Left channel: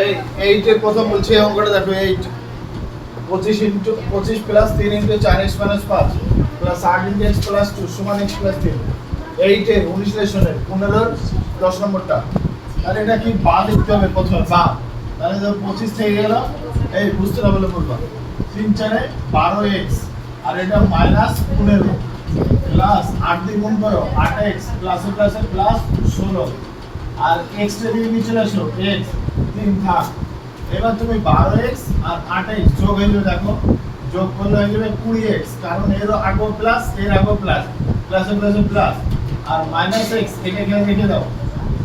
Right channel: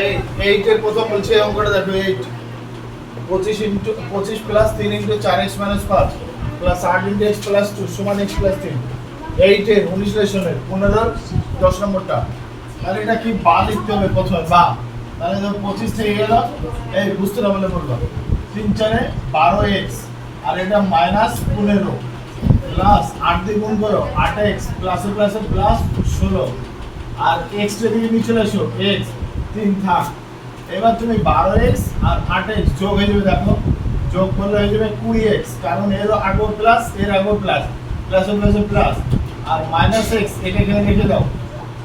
এই 8 এর প্রথম বলছে এই অঙ্কটা দেখো 8 25 plus 3 into 4x minus 5 plus 8 into x plus 2 সমান x প্লাস 3 8 এর 19 লেশনের 15 10 নম্বরটা। তাহলে এটা কি বা লিখতে হবে প্রথমে বা। তাহলে তো 25 থেকে গেল এই বুঝতে না বলে বলবা 3 4 এ 12x আর এটা মাইনাস 15 প্লাস 8 দিয়ে গুণ করো 8x প্লাস প্লাস প্লাস 16 আর x টা দিয়ে নিচে চলে আসো x 3 থাক। এবার তুমি 12x আর 8x যোগ হয়ে যাবে, দেখো যোগ করলে হয়ে যাবে 20x, কারণ এর আগেও প্লাস এর আগেও প্লাস প্লাস প্লাস প্লাস আর মাইনাস x এটা এখানে লিখে দাও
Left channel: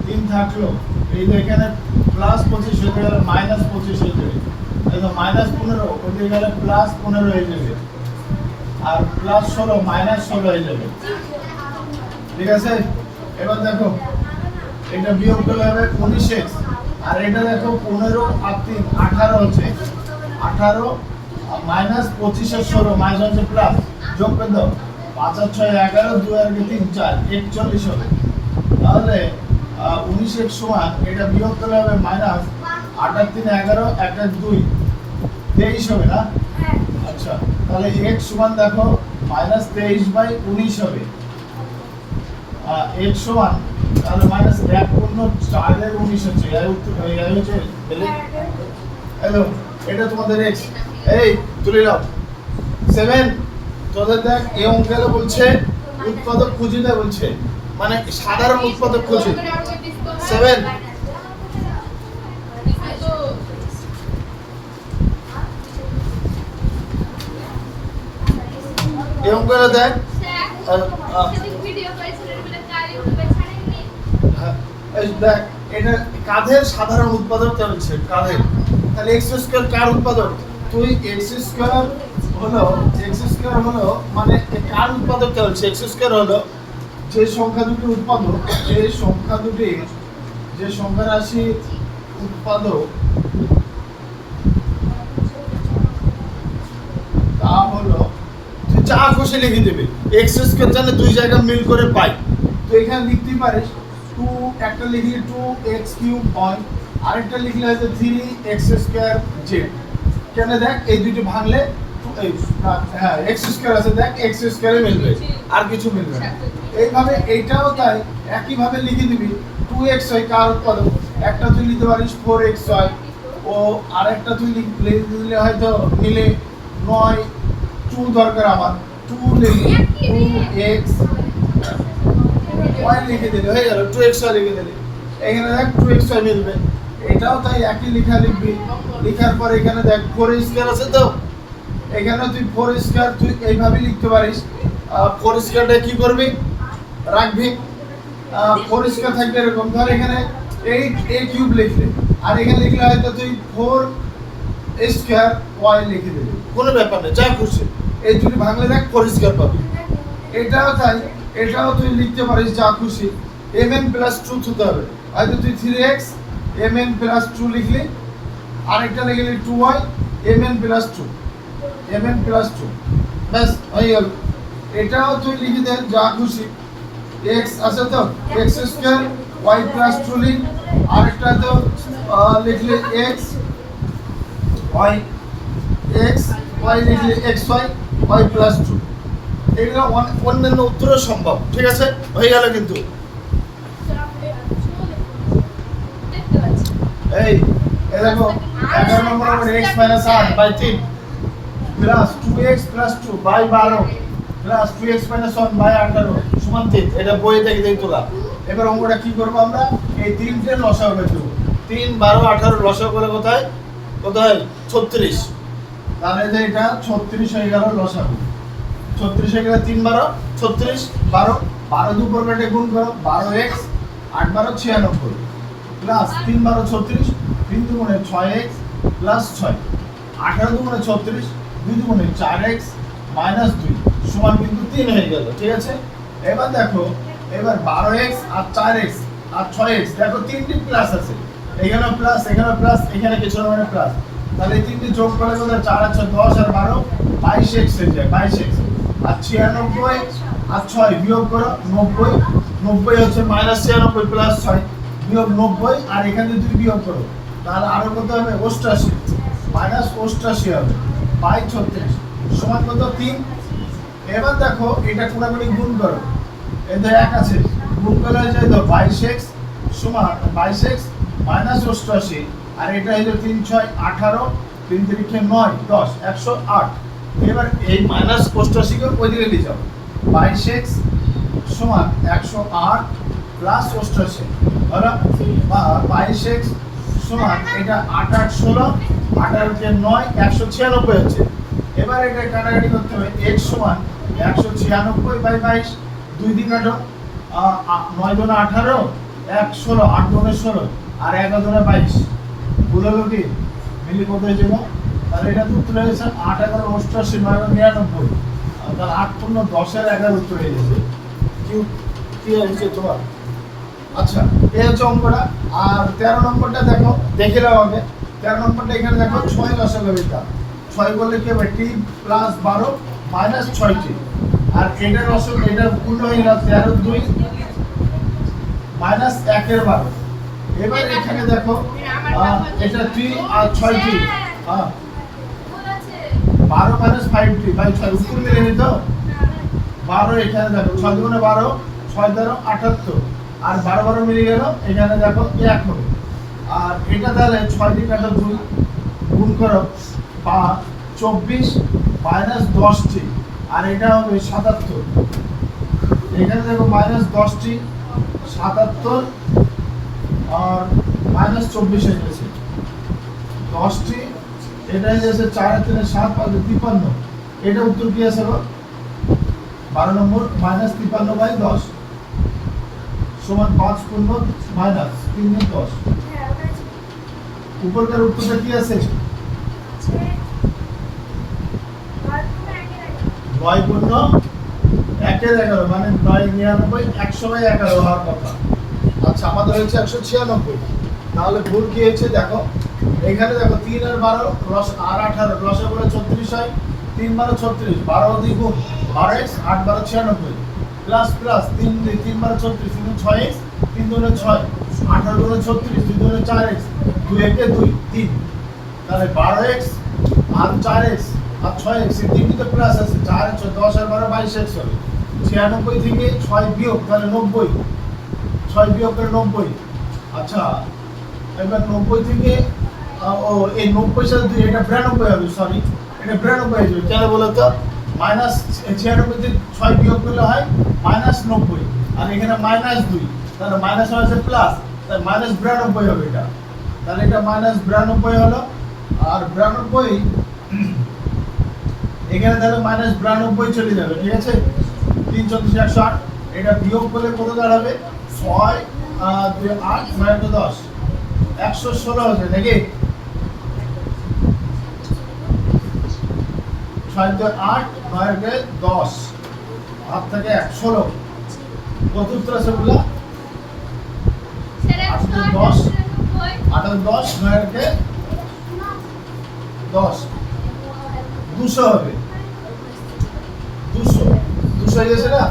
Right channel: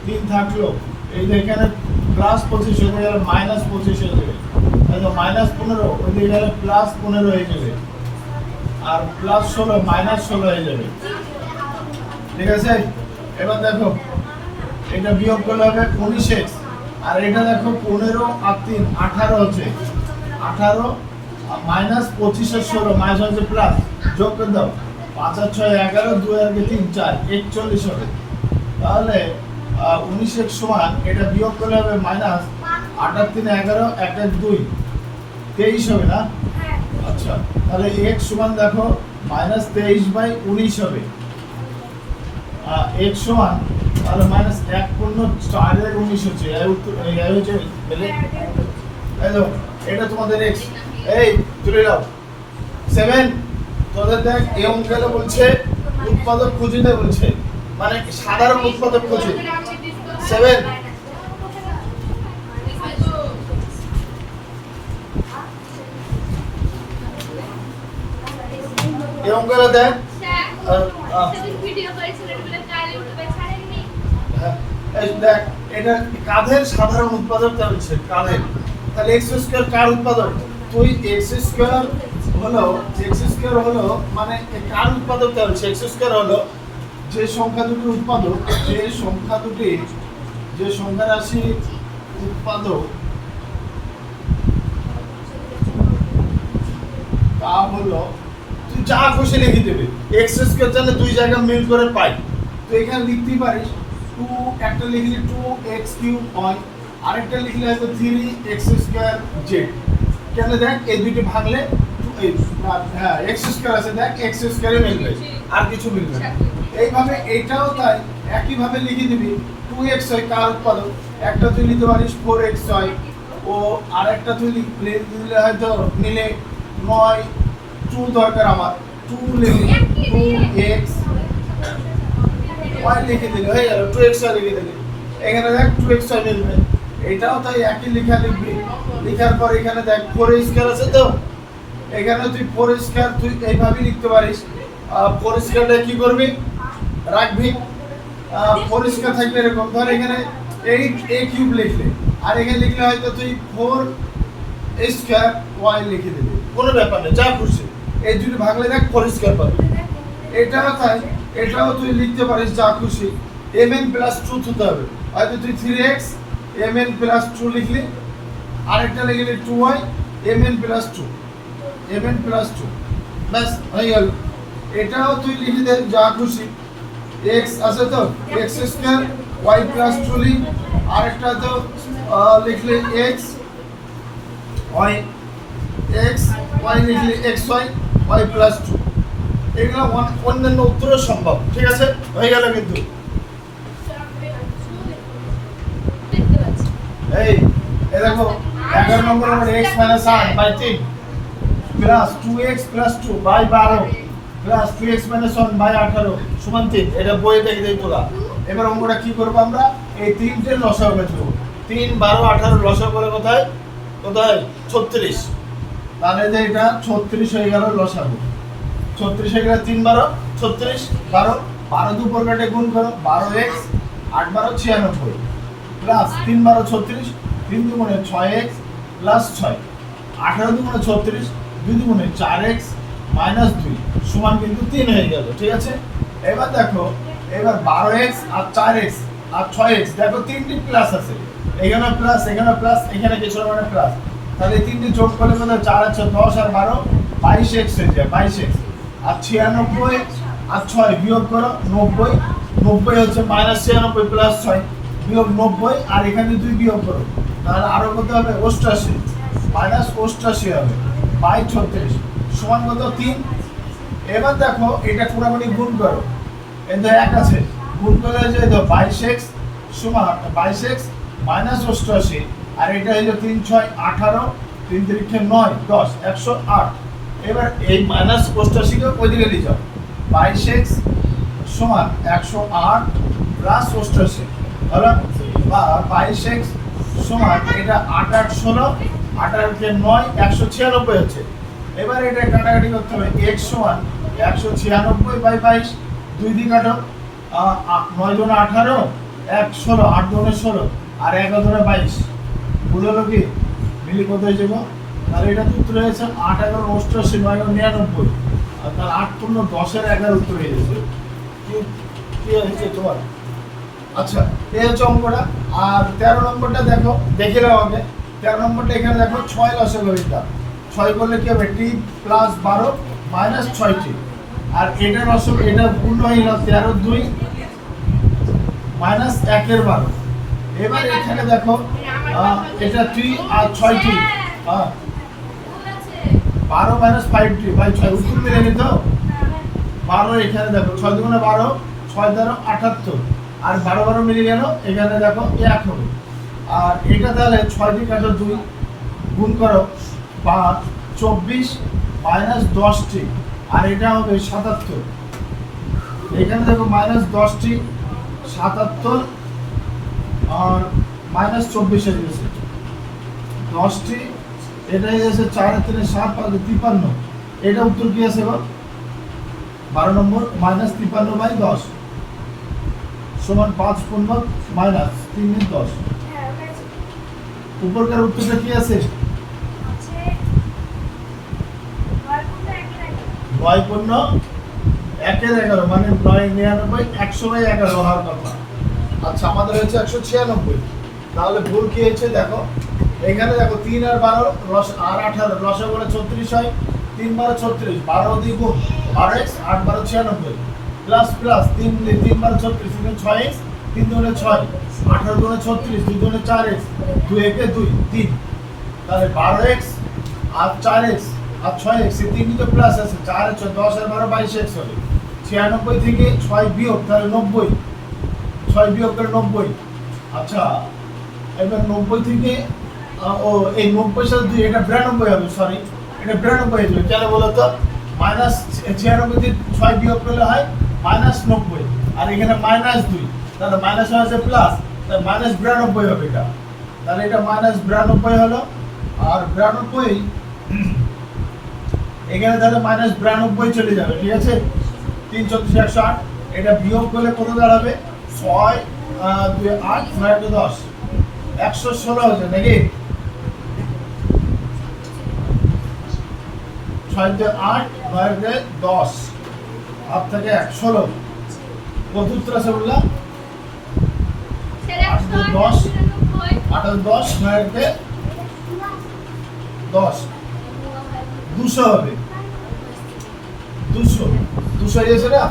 3 থাকলো এই যে এখানে প্লাস 25 হয়ে গেল মাইনাস 25 হয়ে যাবে, এই তো মাইনাস 15 ওই দিকে গেলে প্লাস 15 হয়ে যাবে আর প্লাস 16 মাইনাস 16 হয়ে যাবে। ঠিক আছে, এবার দেখো এটা বিয়োগ করলে হবে 19x আর এটা দেখো 15 আর 3 18 হচ্ছে 18 মাইনাস 25 আর 16 মাইনাস হচ্ছে প্লাস যোগ করে দাও 5 আর 6 11 2 আর 3 4 41 হবে। তাহলে 19x সমান এটা বিয়োগ করলে হবে মাইনাস 8 আর 3 11 1 আর 2 23 হবে না। আচ্ছা তাহলে x সমান দেখো মাইনাস 23/19 হবে। x সমান তাহলে মাইনাস 1 পূর্ণ 4 এর 19 হচ্ছে এই উত্তর এই হচ্ছে বলে হ্যালো এটা তোমাদের x এই তুলে দাও 7 তোদের দেখ এই অঙ্কগুলো বলছে উৎপাদক খুঁজে দেয় বলছে, মানে সাধারণ উৎপাদক খুঁজে 7 এই অঙ্কগুলো দেখ দেখ এটা কাদের সাধারণ উৎপাদক বলছে কাদের। তাহলে x স্কয়ার কার উৎপাদক, তুই x স্কয়ার হলো মানে কার উৎপাদক বলছে। x স্কয়ার হলো যে সংখ্যা দুটি উৎপাদক যে সংখ্যা রাশি উৎপাদক তা হলো তুই যা খুশি লিখে দেবে। x স্কয়ার জানে দুই জায়গা মিল করে পাই, তো এখানে লিখতেই পারিস 2 একটা লিখলে 2x কিউব হয় আরেকটা লিখলে হয়তো 3x স্কয়ার z। কেন দেখ এই দুটো ভাঙলে হ্যাঁ x স্কয়ার আছে দেখ x স্কয়ারে মিলবে আর কিছু মিলবে না। এইভাবে এইটাও তাই একই ভাবে লিখে দিবি 2x হয় কার উৎপাদক, একটা তুই লিখতে পারিস 4x হয় ও আরেকটা তুই লিখলে হয়তো নিলে 9 2 দরকার আমার 2 লিখলে 2x y লিখে দিলে হয়ে গেল 2x y লিখে দিলে এখানে দেখ 2x y মিলবে। এটাও তাই একই লেখা লিখবি, লেখার পর এখানে দেখ 4 স্কয়ার আছে তো এখানে তুই 4 স্কয়ার তুই এইভাবে লিখতে পারিস। 4 স্কয়ারটা কি করবি রাখবি 4 স্কয়ার থাকবে এরকম, ধর এখানে 8a কিউব লিখলে আর এখানে লিখলে হয়তো তুই 4 স্কয়ার y লিখে দিবি, কোনো ব্যাপার না যা খুশি এই দুটো ভাঙলে দেখ 4 স্কয়ার পাবি। এটাও তাই এটাও তুই লিখতে পারিস যা খুশি mn প্লাস 2 হতে হবে, হয়তো তুই 3x mn প্লাস 2 লিখলি আরেকটা লিখলি 2y mn প্লাস 2 বাস হয়ে গেল। এটাও তুই লিখে দে যা খুশি x আছে তো x স্কয়ার y প্লাস 2 লিখ আরেকটা তো লিখলে x y লিখলে xy y প্লাস 2 এগুলো অন্যান্য উত্তরও সম্ভব। ঠিক আছে হয়ে গেল। কিন্তু এই দেখো 11 নম্বর আমার x 8/3 plus 2x plus 2/12 plus 2x 1/18 সমান 3। এটা বইয়ে দেখে দেই তোলা। এবার অঙ্কটা কি করব আমরা এই তিনটে লসাগু বের করব। 3 12 18 লসাগু করে কোথায় 36, তাহলে এটা 36 হয়ে গেল লসাগু। 36 হয়ে গেল 3 12 36 12 12 দুই পরকাটে গুণ করো 12x 8 12 96 প্লাস 3 12 36 3 দুগুণে 6x প্লাস 6 18 দুগুণে 36 2 দুগুণে 4x মাইনাস 2 সমান কিন্তু 3 হয়ে গেল। ঠিক আছে, এবার দেখো এবার 12x আর 4x আর 6x দেখো তিনটি প্লাস আছে, এখানে প্লাস এখানে কিছু মানে প্লাস, তাহলে এই তিনটি যোগ করলে কত 4 আর 6 10 আর 12 22x হয়ে যায় 22x আর 96 আর 6 বিয়োগ করো 90 হচ্ছে -96 প্লাস 6 বিয়োগ 90 আর এখানে 2 বিয়োগ করো, তাহলে আরো কত হবে 88 মাইনাস 88 হবে বাই 36 সমান কত 3। এবার দেখো এটা পুরোপুরি গুণ করো, এই তো 1 আছে, গুণ করলে হয়ে যায় তো 22x সমান 22x মাইনাস 88 আর এটা হলো 3 6 18 3 3 9 10 108। এবার এই মাইনাস 88 কে ওই দিকে নিয়ে যাও, 22x সমান 108 প্লাস 88 হলো, বা 22x সমান এটা 8 8 16 18 কে 9 196 হচ্ছে। এবার এটা কাটাকাটি করতে হবে, x সমান 196 বাই 22 দুই দিক কাটো, 9 দুনে 18 1 16 8 দুনে 16 আর 11 দুনে 22 ভুল হলো কি মিলি কত হয়ে যাবো, তাহলে এটা তো উত্তর হয়েছে 8 11 88 9 99 আর তাহলে 8 পূর্ণ 10 এর 11 উত্তর হয়ে গেছে। কি হয়েছে তোমার? আচ্ছা এই হচ্ছে অঙ্কটা। আর 13 নম্বরটা দেখো, দেখে নাও আগে 13 নম্বরটা এখানে দেখো 6 লসাগু এটা 6 করলে কি হবে t প্লাস 12 মাইনাস 6t আর এটা লসাগু এটা পূর্ণ হয়ে গেল 13 2 মাইনাস 1 এর 12। এবার এখানে দেখো এটা 3 আর 6t 12 মাইনাস 5t ভাই 6 উত্তর মিলে নি তো 12 এখানে দেখো 6 দুগুণে 12 6 দ্বারা 78 আর 12 12 মিলে গেল এখানে দেখো 1 হবে। আর এটা তাহলে 6 দিয়ে কাটো 2 গুণ করো 24 মাইনাস 10t আর এটা হবে 77। এখানে দেখো মাইনাস 10t 77 আর মাইনাস 24 হয়ে গেছে 10t, এটা হয়ে গেছে 4 আর 3 7 5 53। এটা উত্তর কি আছে গো 12 নম্বর মাইনাস 53 বাই 10 সমান 5 পূর্ণ মাইনাস 3 এর 10। উপরকার উত্তরটা কি আছে 9 পূর্ণ 1 এর 11 মানে 9 99 100 বাই 11 হওয়ার কথা। আচ্ছা আমাদের হয়েছে 196, তাহলে ভুল কি হয়েছে দেখো, এখানে দেখো 3 আর 12 লস আর 18 লসে বলে 34 হয়, 3 12 36 12 দিয়ে গুণ 12x 8 12 96 প্লাস প্লাস 3 দিয়ে 3 12 36 3 6x 3 দুগুণে 6 18 দুগুণে 36 2 দুগুণে 4x 2 একে 2 3 তাহলে 12x আর 4x আর 6x এই তিনটিতে প্লাস আছে 4 6 10 আর 12 22x হবে। 96 থেকে 6 বিয়োগ তাহলে 90 6 বিয়োগ করে 90। আচ্ছা এবার 90 থেকে ও এই 90 সাথে 2 এটা 92 হবে, সরি এটা 92 হয়ে যাবে কেন বলো তো মাইনাস 96 থেকে 6 বিয়োগ করলে হয় মাইনাস 90 আর এখানে মাইনাস 2 তাহলে মাইনাস হয়েছে প্লাস তাহলে মাইনাস 92 হবে এটা, তাহলে এটা মাইনাস 92 হলো। আর 92 এখানে তাহলে মাইনাস 92 চলে যাবে, ঠিক আছে 3 34 108 এটা বিয়োগ করলে কত দাঁড়াবে 6 2 8 9 10 116 হচ্ছে নাকি 6 2 8 9 10 8 থেকে 116 কত উত্তর আছে বললা 8 10 8 10 9 কে 10 200 হবে 200 200 হয়ে গেছে না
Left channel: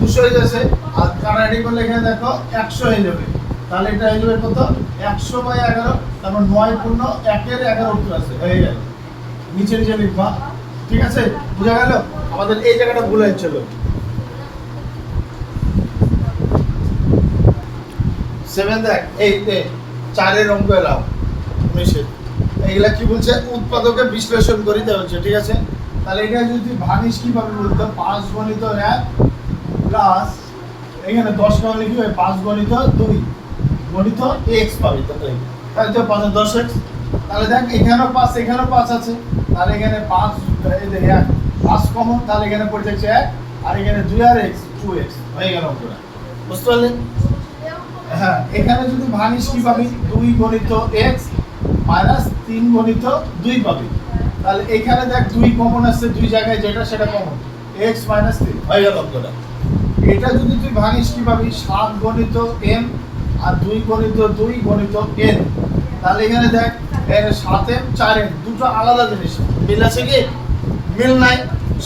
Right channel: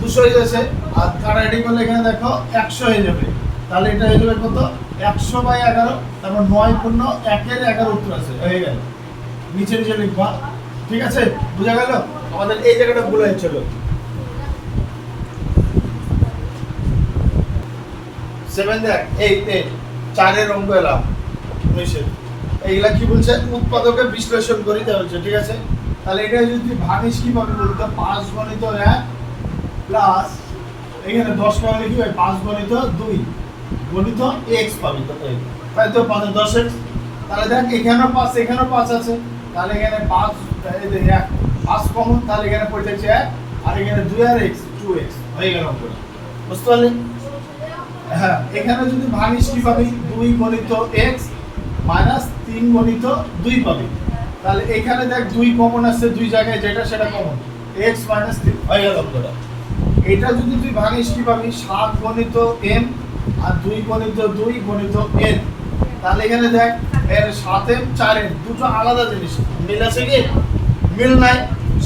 200 হয়ে যাচ্ছে আর কাটাকাটি করলে এখানে দেখো 100 হয়ে যাবে, তাহলে এটা হয়ে যাবে কত 100 বাই 11 তারপর 9 পূর্ণ 1 এর 11 উত্তর আছে হয়ে গেল, নিচে নিচে লিখবা, ঠিক আছে বুঝা গেল। আমাদের এই জায়গাটা ভুল হয়েছিল। 7 দেখ এই 4 এর অঙ্ক এলাম 19 এর এইগুলা কি বলছে উৎপাদকে বিশ্লেষণ করে দেওয়া হচ্ছে, ঠিক আছে। তাহলে এটা যদি ভাঙিস কিভাবে বলতো 5 গণিত 1 প্লাস এখানে 10 টাকা লিখি হয় 5 গণিত 2 গণিত x পাবে, তাই তো 5 10x। তাহলে দেখ এখানেও 5 এখানেও 5 আছে, তাহলে এখানে 5 এই যে 1 5 কমন, তাহলে এখানে পড়ে যাচ্ছে 1 আর এখানে 2 আর x 2x হয়ে গেল অঙ্কটা, বুঝতে পারলি। হ্যাঁ এখানে যদি ভাঙিস কি পাবি 2 গণিত x মাইনাস 3 গণিত 2 পাবি, তাহলে এখানে দেখ 2 কমন আসছে দুই জায়গায় যেটা সেটা কমন x মাইনাস 3 হয়ে গেল অঙ্কটা। এটা যদি তুই ভাঙিস কি পাবি 7 গণিত m আর 2 গণিত 2 গণিত n, তাহলে এখানে দেখ এর 7m 4m দুটো আলাদা জিনিস, মিল আছে কি মিল নাই,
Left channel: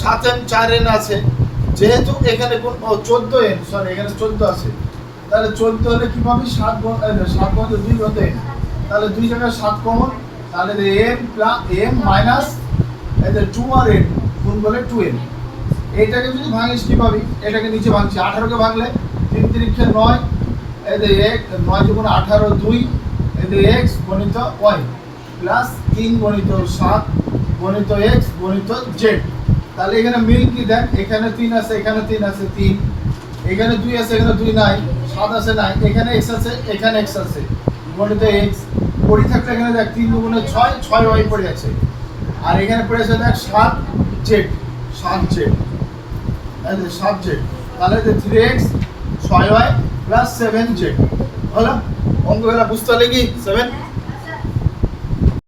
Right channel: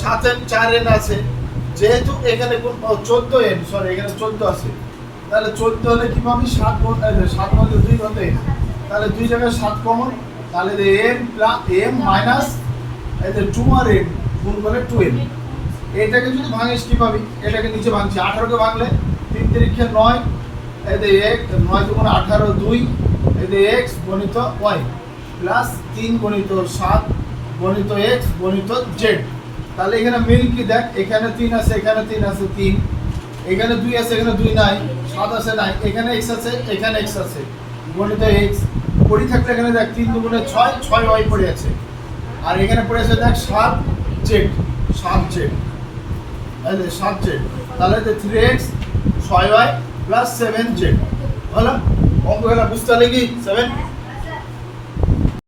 7n 4n আছে, যেহেতু এখানে কোন 14n, সরি এখানে 14 আছে, তাহলে 14 হলে কি পাবি 7 মধ্যে 2 কত n, তাহলে 2 জায়গায় 7 কমন, তাহলে n প্লাস m মাইনাস এদের 2 আর n গুণ করলে 2n। এটাকে যদি ভাঙিস কি পাবি, এটাকে নিচে ভাঙছি, 18 কে ভাঙলে 3 3 9, এদের 1 9 দুগুণ 18 2, এদের x গণিত y প্লাস 3 গণিত 7 গণিত x গণিত z। তাহলে এখানে মিল কি দেখ, এখানে 3 আছে, এখানে 3 আছে 3, এখানে 2 আছে, এখানে 2 নাই, 7 আছে নাই, এখানে x আছে, এখানে x আছে গণিত x। পড়ি থাকলে এখানে দেখ 3 দুগুণে 6 6y পড়ে আছে, আর এখানে পড়ে আছে দেখ 7z 7z, এই যে 7z, তাহলে যে 3x 6y প্লাস 7z হলো। অঙ্কগুলো বুঝতে হলে কি 7